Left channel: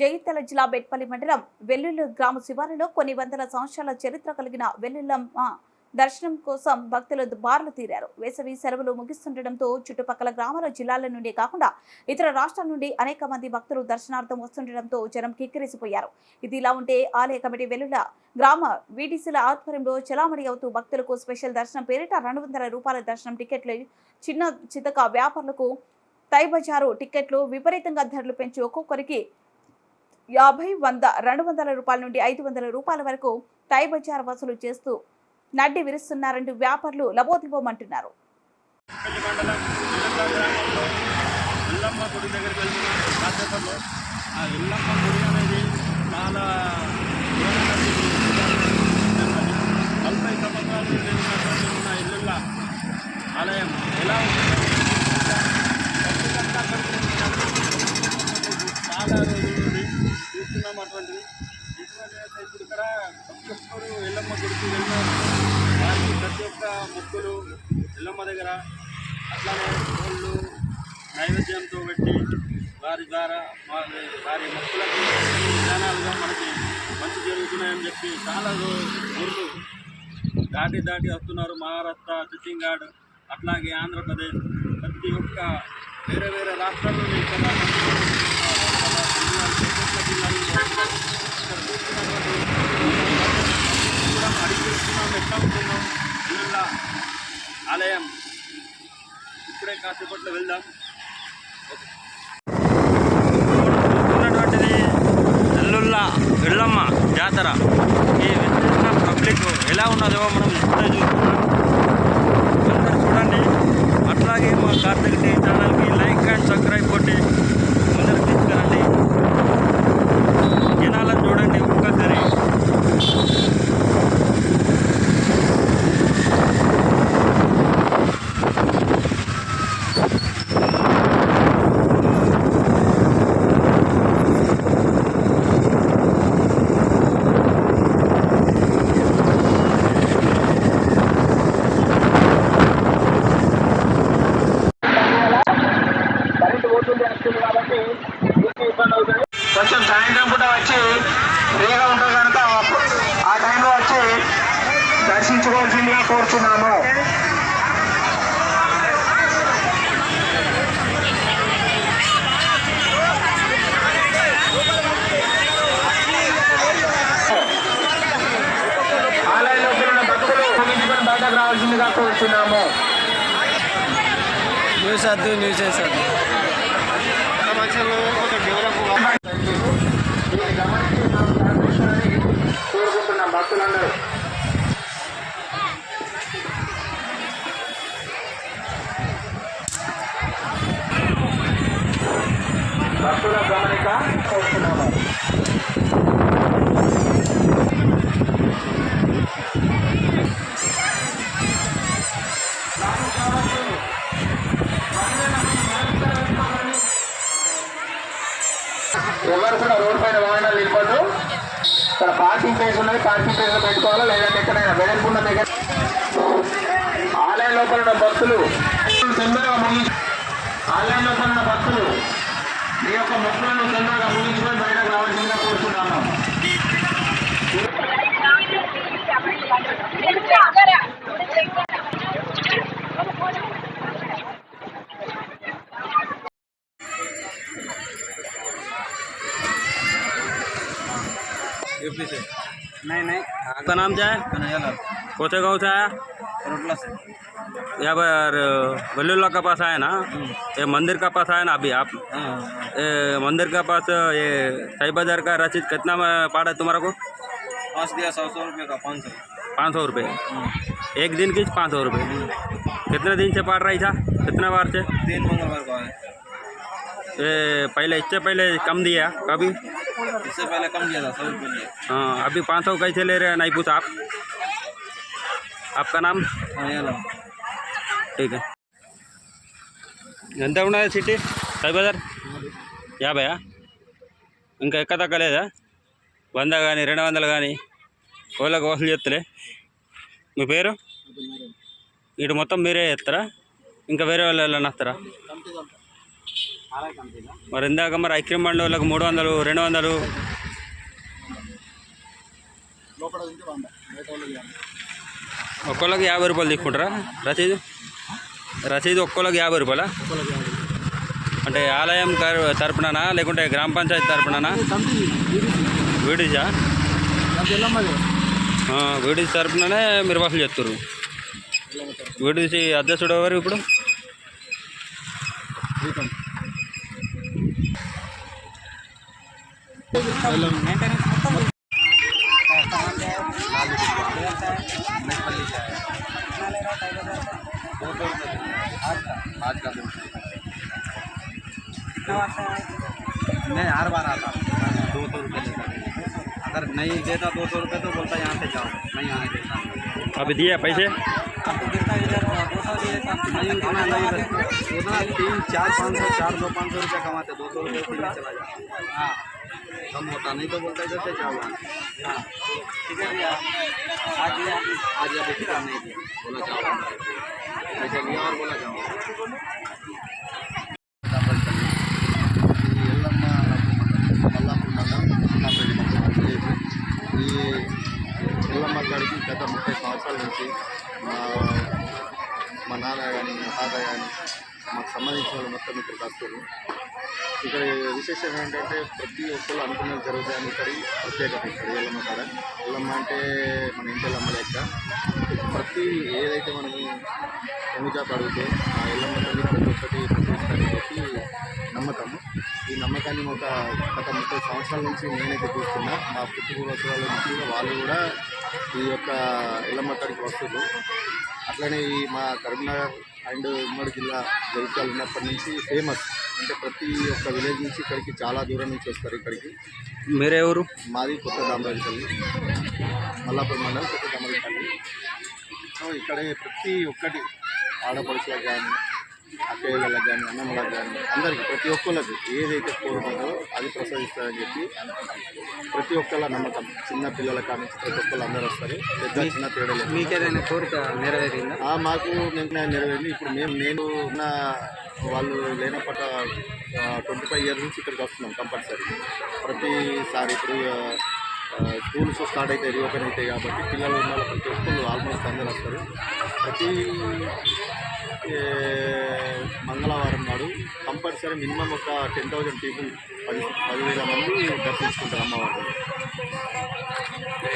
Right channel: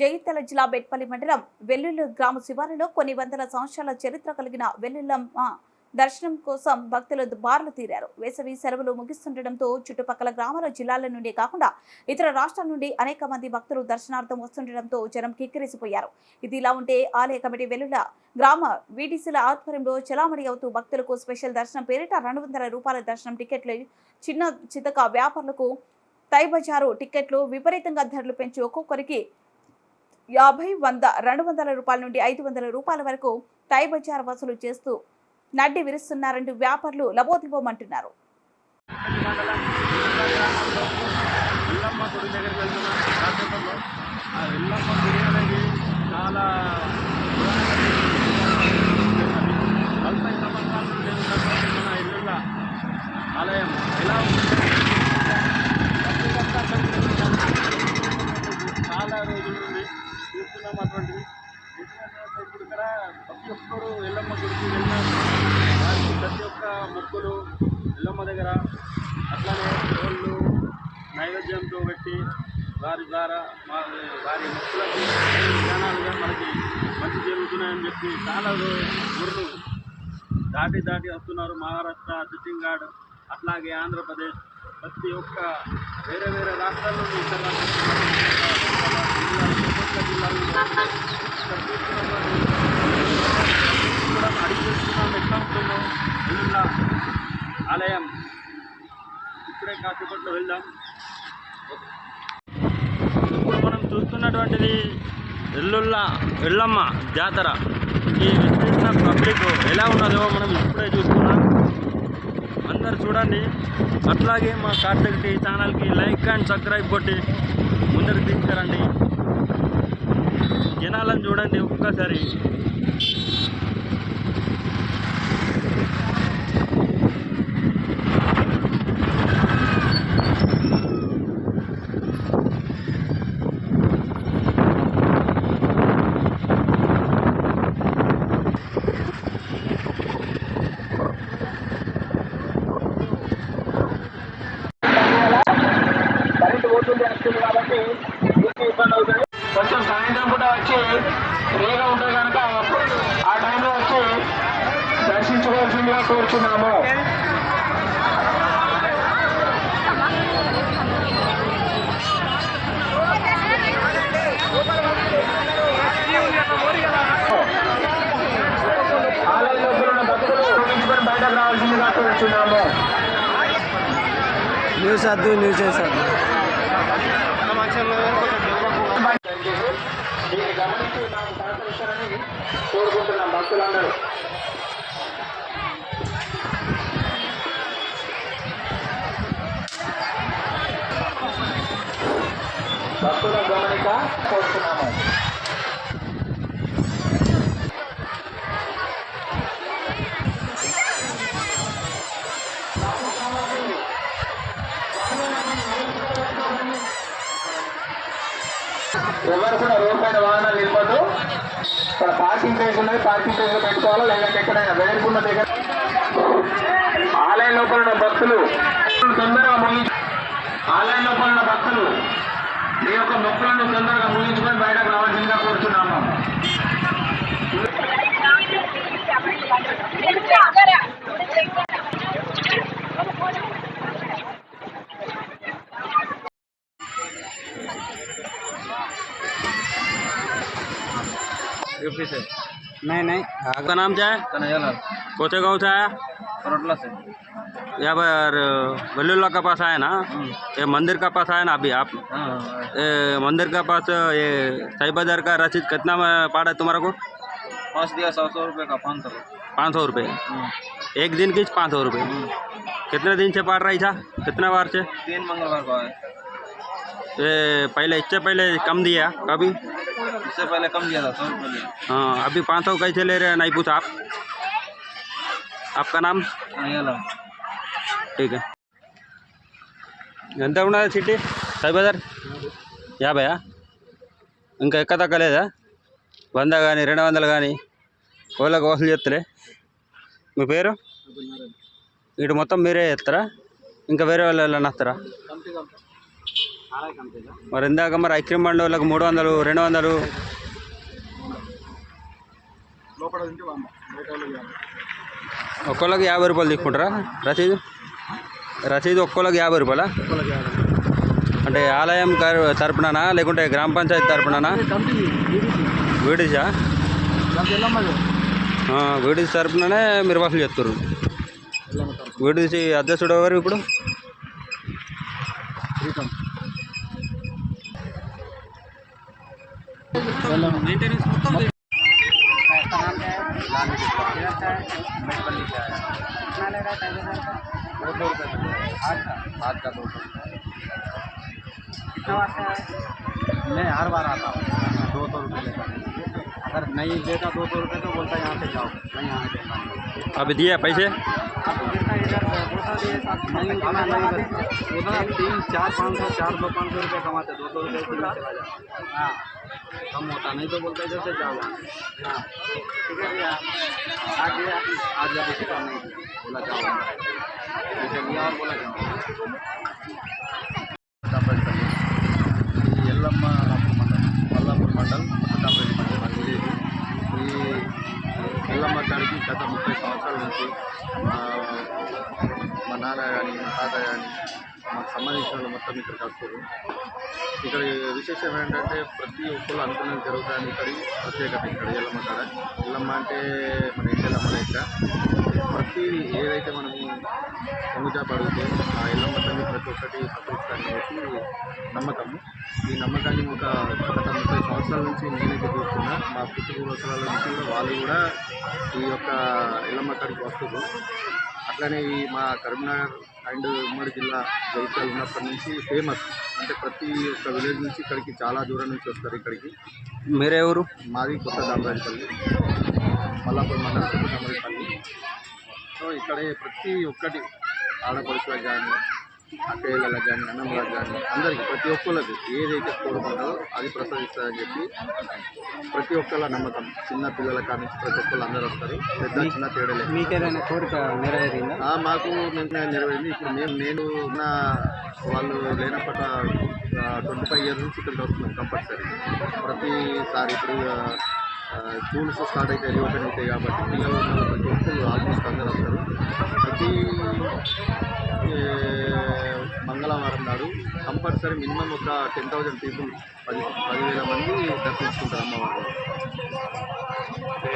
జగిత్యాల జిల్లా బెట్పల్లి మండలం వెల్లుల్లి గ్రామ శివారులో కొన్ని వందల సంవత్సరాల చరిత్ర కలిగిన వెల్లుల్లమ్మ దర్శనం కోసం భక్తులు బార్లు తీరారు. వేసవి సెలవులు ముగిస్తుండటంతో చుట్టుపక్కల గ్రామాల జిల్లాల నుండి కాకుండా ఇతర రాష్ట్రాల నుండి అనేక మంది భక్తులు దర్శనార్థం వస్తుండటంతో జనం కిక్కిరిసిపోయారు. ఇది ఇలా ఉంటే ఆలయ కమిటీ వెల్లుల గ్రామ వీటీసీల ఆధ్వర్యంలో చలామణి అవుతూ భక్తులకు స్పెషల్ దర్శనం పేరిట రెండు వందల రూపాయల దర్శనం టికెట్లు చిన్న చితక వ్యాపారులకు తై బజారు టికెట్లు విపరీతంగా ధరలు పెంచి ఒక్కొక్కరికి యాభై వంద రెండు వందల రూపాయల నుండి ఐదు వందల రూపాయల వరకు టై బజార్ వసూలు చేస్తూ నడ్డి విరుస్తున్నారంటూ వ్యాపారులు లబోదిబోమంటున్నారు. ఎల్లమ్మ గుడి దగ్గరికి వెళ్తున్నాం ఆ ఎల్లమ్మ గుడి అనేది చాలా నలభై సంవత్సరాల నుండి ఉన్నటువంటి మన ఇల్లుల ఆలయం ఎలా ఉంది భక్తులంతా అక్కడికి వెళ్తున్నారు. చాలా రోజుల నుండి చూస్తున్నాం అటువంటిది ఎందుకంటే ఇప్పుడు ఇక్కడ ప్రతి ఒక్కరు ఎల్లమ్మ గుడికి వెళ్ళినారు వారికి ప్రతి ఒక్క మొక్కులు ఎల్లమ్మ దగ్గర అట్లానే కోళ్ళు నైవేద్యంతో పెట్టి వారి ద్వారా వారి వారి మొక్కులకు విధానాలుగా మనకి మంచి జరుగుతున్నాయని చెప్పి చాలా రో- ఊర్లు దాటి దాటి వస్తున్నారు. మహారాష్ట్ర ఛత్తీస్గఢ్ అట్లాగే ఆంధ్రప్రదేశ్. ప్రతి ఒక్క వేరే వేరే రాష్ట్రాల నుండి ఇక్కడ ఒక్కొక్క జిల్లాలో ఇక్కడ చూస్తున్నటువంటి కూడా అడిగి చూస్తున్నాం ఎట్లా ఉంటుందో ఇలా ఆలయం. ఇప్పుడే కాసేపట్లో వెళ్దాం. మనం చూస్తున్నటువంటిది ఎల్లుళ్ళ ఎల్లమ్మ జాతర. ఈ విస్తృత పబ్లిక్ ఎలా ఉన్నదో మనం ఇప్పుడే చూస్తున్నాం. అందరు చూడండి. అట్లాగే మా కార్తీక టీ ఛానల్కి లైక్ అండ్ సబ్స్క్రైబ్ కొట్టి ముందరకు తీసుకురండి. జనాలను చూడండి ఒక్కసారి. కాబట్టి మీకు ఇబ్బంది అవుతుంది. కొంచెం సాయంత్రం పూట వచ్చి ఫ్రీగా ఉంటుంది కనుక ఆ టైంలో వచ్చి దర్శించుకోవాల్సిందిగా కోరుతున్నాము రావాల్సిందిగా కోరుచున్నాము. న్యూస్ అద్దు న్యూస్ వేసద్దు దీన్ని గమనించి మనం ప్రారంభించాలని కోరుకుంటున్నాం భక్తులందరూ భక్తుల గమనిక కోరుతున్నాము. ఎవరు రోడ్ పైన వాహనాలు నిలబడ్డు ఇక్కడ పార్కింగ్ ప్లేస్ ఉన్నది పార్కింగ్ ప్లేస్లో పెట్టుకోవాలా? లేదంటే ఎక్కడైనా వెడల్పున్న దగ్గర ఆలయం లోపల ఉన్న భక్తులు. తొందరగా ముగించు ఆలయం లోపల ఉన్న భక్తులు మీ యొక్క మొక్కలను తొందరగా ముగించుకొని బయటకు రావాల్సిందిగా కోరుతున్నాము यूपी से। नहीं नहीं। आपका नाम क्या है? कन्हैया लाल कोचे गाँव से आया? रोटला से। यहाँ पर वल्लुल्ला का पास आया ना? ये मंदिर का पास आया ना अभी आप? हाँ ये मंदिर का पास ये साई बाज़ार का रसीद कितना में पड़ा है तुम्हारा को? पाँच दिया सौ सौ रुपये का पाँच सौ। पाँच सौ रुपये। एक दिन की पाँच सौ रुपये। कितने दिन से पड़ रही था? कितना बार से? तीन मंगलवार को आए। ये पहले इससे पहले कम दिया कभी? इससे पहले कम दिया था सौ रुपये लिए हाँ अभी पाँच सौ कैसे ले रहे हैं नहीं पूछा आप आपका नाम कन्हैया लाल ठीक है ఎంత ఉన్నది సిటీ సైబజార్ యాభైయా ఇంకా ఎక్క తగ్గలేదా వంద కానీ రెండు వందలు కానీ కోళ్ళకు వసూలు చేస్తలే మీ పేరు ఇటు మొత్తం మీరే చేస్తారా ఇంకా వేరే వాళ్ళు ఎవరైనా వస్తారా మరి ఇందాక మరి ఐక్యం బండి వాళ్ళకి మూడు వందలు రెండు వందలు. ఒక్కొక్కరికి యాభై. రూపాయలు తీసుకుంటారా రసీదు? రసీదు ఒక్కొక్కరికి యాభై రూపాయలా. అంటే ఆలయం తరపుననా లేకుంటే గ్రామ పంచాయతీ తరపుననా? వీడిసా వీడిసి తరపుననే మీరు వసూలు తరపు వీడిసి అధ్యక్షుడు ఎవరు ఇప్పుడు? दो सौ रुपये आज का दो सौ रुपये मैं हर बार आता हूँ। दो सौ रुपये लेता अगर नहीं देता दो सौ रुपये तो बोलता यहाँ से जाओ नहीं आने देता। अभी दिए पैसे? नहीं खाना नहीं उतना तीन चार पाँच सौ चार सौ पाँच सौ रुपये कमाते दो सौ रुपये चला जाता। हाँ। कम होता नहीं तो बोलता इधर से जाओ यहाँ आज आज अभी टिकट नहीं दिया बोला जाओ अंदर पैसे लिया और बोला जाओ కాంపల్సరీ ఈ ఎల్లమ్మ అల్లాపూర్ మండలం అల్లాపూర్ మండలం కొత్తకాంపల్లి మండలం విలేజ్ ఈ ఎల్లమ్మ కాడికి గత ముప్పై సంవత్సరాల నుంచి మా నాన్న కానీ మా తాత కానీ మాకు సంబంధించిన వాళ్ళు మొత్తం ఇక్కడికి వస్తారు. ఇక్కడ విశేషం ఏంటంటే ప్రతి ఒక్కరు అనుకున్నది జరుగుతుంది ఇక్కడ ప్రత్యేకత ఇక్కడ ఎల్లమ్మ కాడ. ఎల్లమ్మ అంటే మన ఇంటి ఎల్లమ్మ లెక్క. ప్రతి ఏదైతే మనము పొంగుచాప అడిగితే ఆ ఎల్లమ్మ తల్లి ప్రతి ఒక్కటి ప్రతిష్టాన్ని చెప్పి నమ్మకము. ఈ నమ్మకాన్ని ఒక గత ముప్పై సంవత్సరాల నుంచి నేనైతే చూస్తున్నా. మా పుట్టుపూర్వసరాల నుంచి కూడా వాళ్ళు కూడా ఈ యొక్క ఎల్లమ్మ కాడికి వస్తున్నారు. అట్లనే ఈ మా కరీంనగర్ అండ్ ఉమ్మడి జిల్లా జగిత్యాల ఉన్నప్పటి నుంచి ఫేమస్ అంటే ప్రతి ఒక్క విలేజ్ నుంచి ఇక్కడికి చాలా దూరం నుంచి వస్తారు ఇక్కడికి. మీరే ఊరు? మాది కొత్త దామరాజపల్లి మల్లాపూర్ మండలం కొత్త దామరాజపల్లి సో ఇక్కడే ప్రతి ఒక్కటి ఆడపడుచులకు కానీ అక్కయ్యలకు కానీ అన్నమ్మలకు కానీ అందరికీ ప్రతి ఒక్కళ్ళకి ఏదైతే కోరుకుంటారో అది ప్రసాదిస్తారని చెప్పి ప్రతి ఒక్కళ్ళ నమ్మకం. చిన్న పిల్లల కాడి నుంచి ప్రతి ఒక్కళ్ళు అందరూ వస్తారు. పెద్ద చిన్న తేడా లేదు. మీకేదైనా కోరిక నెరవేరిందా? మాకు నెరవేరింది. ఇప్పుడు మేము నేను ఉన్న వాళ్ళు లేనప్పట ట్వంటీ ఫైవ్ ఇయర్స్ నుంచి ఇక్కడికి వస్తున్నాం కంపల్సరీ. ప్రతిసారి ఇప్పుడు స్కూల్స్ స్టార్ట్ అయితే రీఓపెన్ అవుతాయి కాబట్టి పిల్లలు ఉన్న ప్రతి ఒక్కరు ఆల్మోస్ట్ అందరు వస్తారు. ప్రతి మంగళవారం నాడు కంపల్సరీ మినిమం ఒక టెన్ థౌజండ్ పీపుల్ పది పదివేల మంది దర్శించుకుంటారు అమ్మవారిని.